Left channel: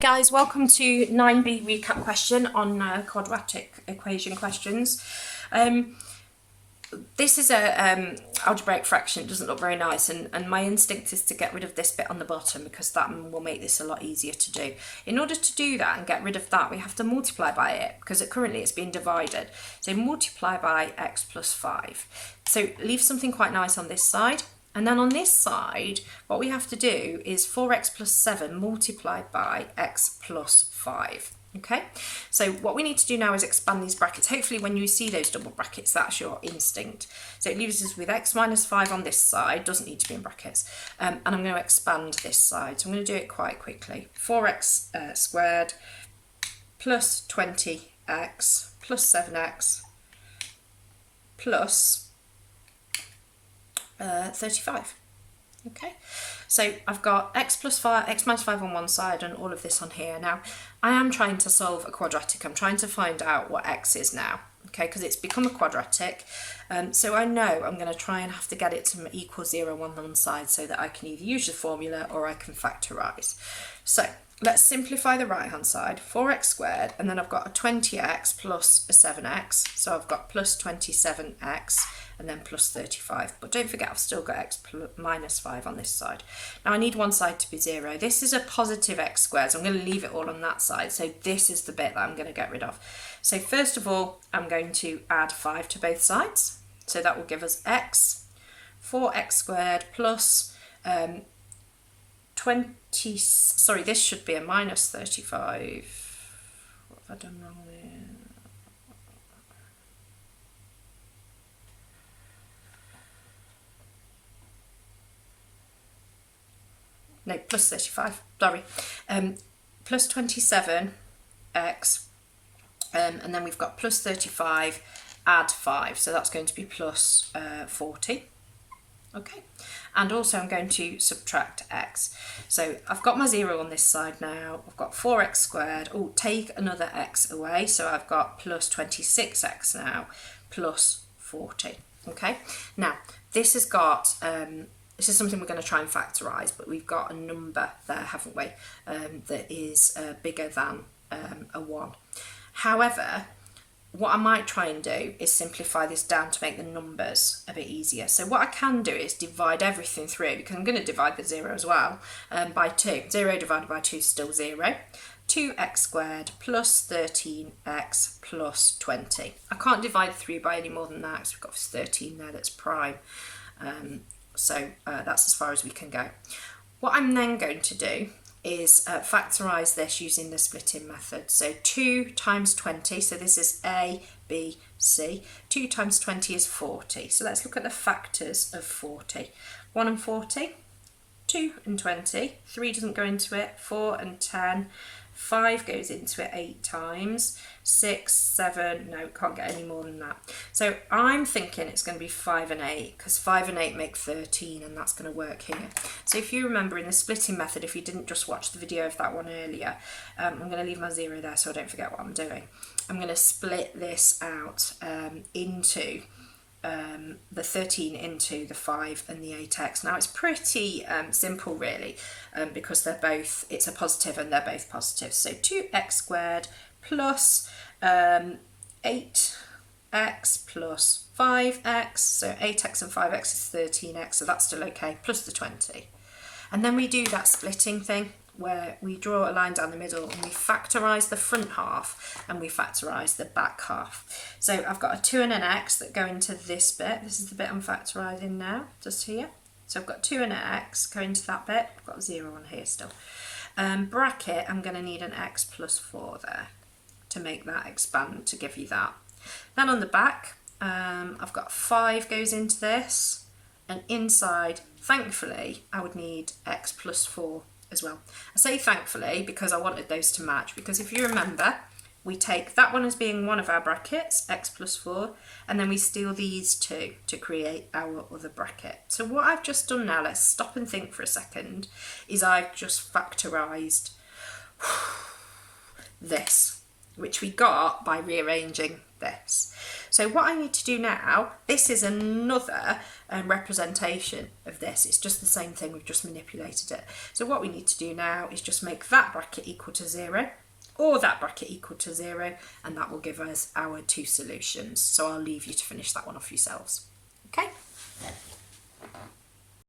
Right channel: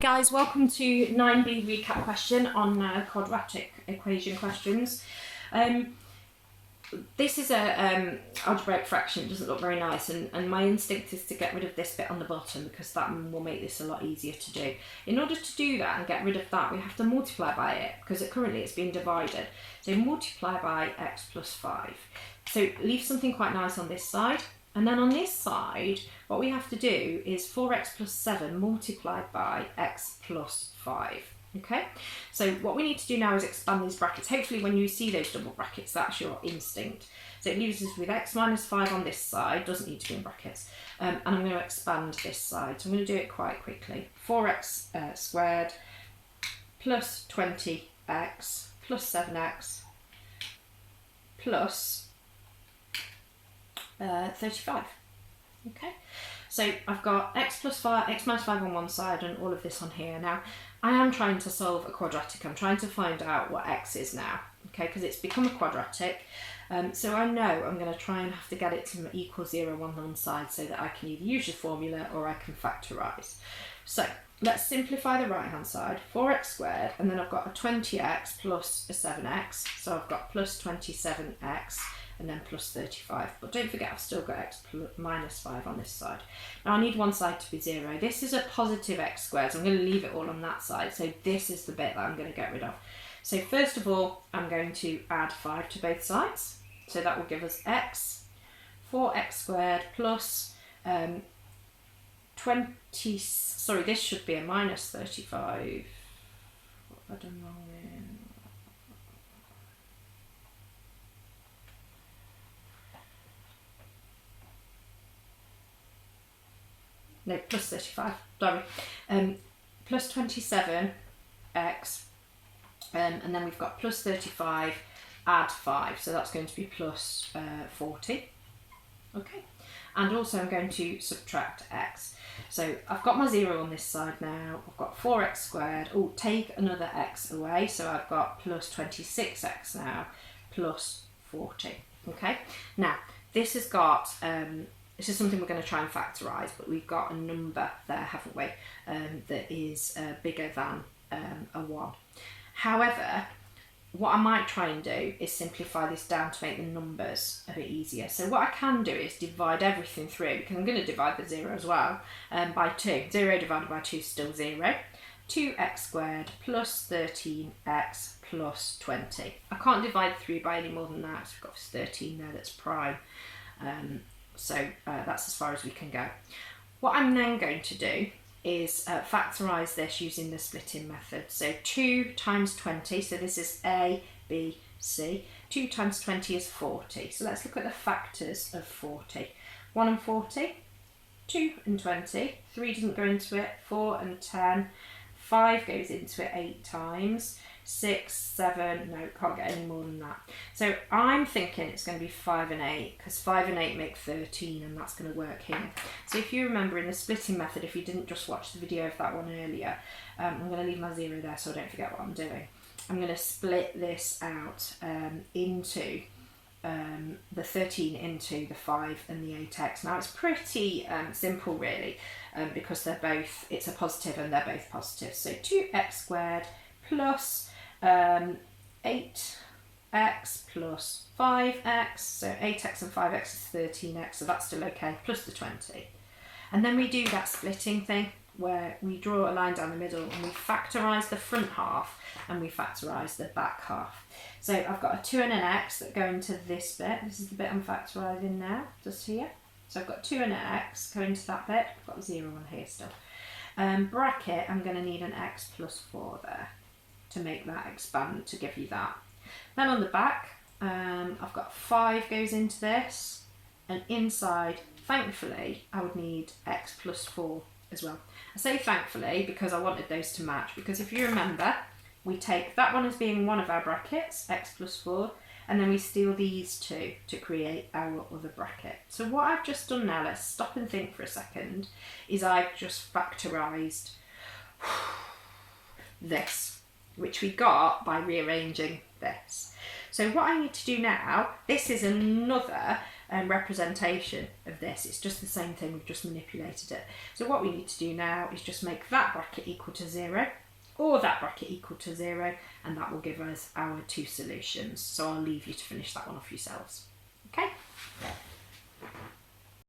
Guys, welcome to 9b recap question on quadratic equation questions. This is a algebraic fraction. It doesn't look very nice, and my instinct is to get rid of this bit on the bottom because that will make this a lot easier to do. In order to do that and get rid of that, we have to multiply by it because currently it's being divided. So multiply by x plus 5. So leave something quite nice on this side. And then on this side, what we have to do is 4x plus 7 multiplied by x plus 5. Okay, so what we need to do now is expand these brackets. Hopefully when you see those double brackets, that's your instinct. So it leaves us with x minus 5 on this side, doesn't need to be in brackets. And I'm going to expand this side. So I'm going to do it quite quickly. 4x squared plus 20x plus 7x plus 35. Okay, so I've got x minus 5 on one side and all of this on here. Now I am trying to solve a quadratic. I'm trying to find out what x is now, okay, because it's become a quadratic. So I know I'm going to try and have to get it to equal 0 on one side so that I can either use the formula or I can factorise. So let's simplify the right hand side, 4x squared, and then I've got a 20x plus a 7x, so I've got plus 27x and then plus 35, but don't forget I've still got x minus 5 on this side. Now I need one side to be 0. This is a positive x squared, so I'm going to leave it all on that side, so this is the bit that I'm going to get rid of. So first of all, I'm going to add 5 to both sides, so that will give us x, 4x squared plus this should be a minus 35. What have I done wrong there? No, plus 35, sorry. Plus 27x, and then we've got plus 35, add 5, so that's going to be plus 40. Okay, and also I'm going to subtract x. So I've got my 0 on this side now. I've got 4x squared. Oh, take another x away. So I've got plus 26x now, plus 40. Okay, now this has got, this is something we're going to try and factorise, but we've got a number there, haven't we, that is bigger than a 1. However, what I might try and do is simplify this down to make the numbers a bit easier. So what I can do is divide everything through, because I'm going to divide the 0 as well, by 2. 0 divided by 2 is still 0. 2x squared plus 13x plus 20. I can't divide through by any more than that because we've got 13 there that's prime. So that's as far as we can go. What I'm then going to do is factorise this using the splitting method. So 2 times 20, so this is A, B, C. 2 times 20 is 40. So let's look at the factors of 40. 1 and 40, 2 and 20, 3 doesn't go into it, 4 and 10, 5 goes into it 8 times, 6, 7, no, can't get any more than that. So I'm thinking it's going to be 5 and 8, because 5 and 8 make 13, and that's going to work here. So if you remember in the splitting method, if you didn't just watch the video of that one earlier, I'm going to leave my 0 there so I don't forget what I'm doing. I'm going to split this out into the 13 into the 5 and the 8x. Now it's pretty simple really, because they're both, it's a positive and they're both positive. So 2x squared plus 8x plus 5x, so 8x and 5x is 13x, so that's still okay, plus the 20. And then we do that splitting thing where we draw a line down the middle and we factorise the front half and we factorise the back half. So I've got a 2 and an x that go into this bit. This is the bit I'm factorising now, just here. So I've got 2 and an x going to that bit. I've got a 0 on here still. Bracket, I'm going to need an x plus 4 there to make that expand, to give you that. Then on the back, I've got 5 goes into this, and inside, thankfully, I would need x plus 4 as well. I say thankfully because I wanted those to match, because if you remember, we take that one as being one of our brackets, x plus 4, and then we steal these two to create our other bracket. So what I've just done now, let's stop and think for a second, is I've just factorised this, which we got by rearranging this. So what I need to do now, this is another representation of this. It's just the same thing, we've just manipulated it. So what we need to do now is just make that bracket equal to 0 or that bracket equal to 0, and that will give us our two solutions. So I'll leave you to finish that one off yourselves. Okay.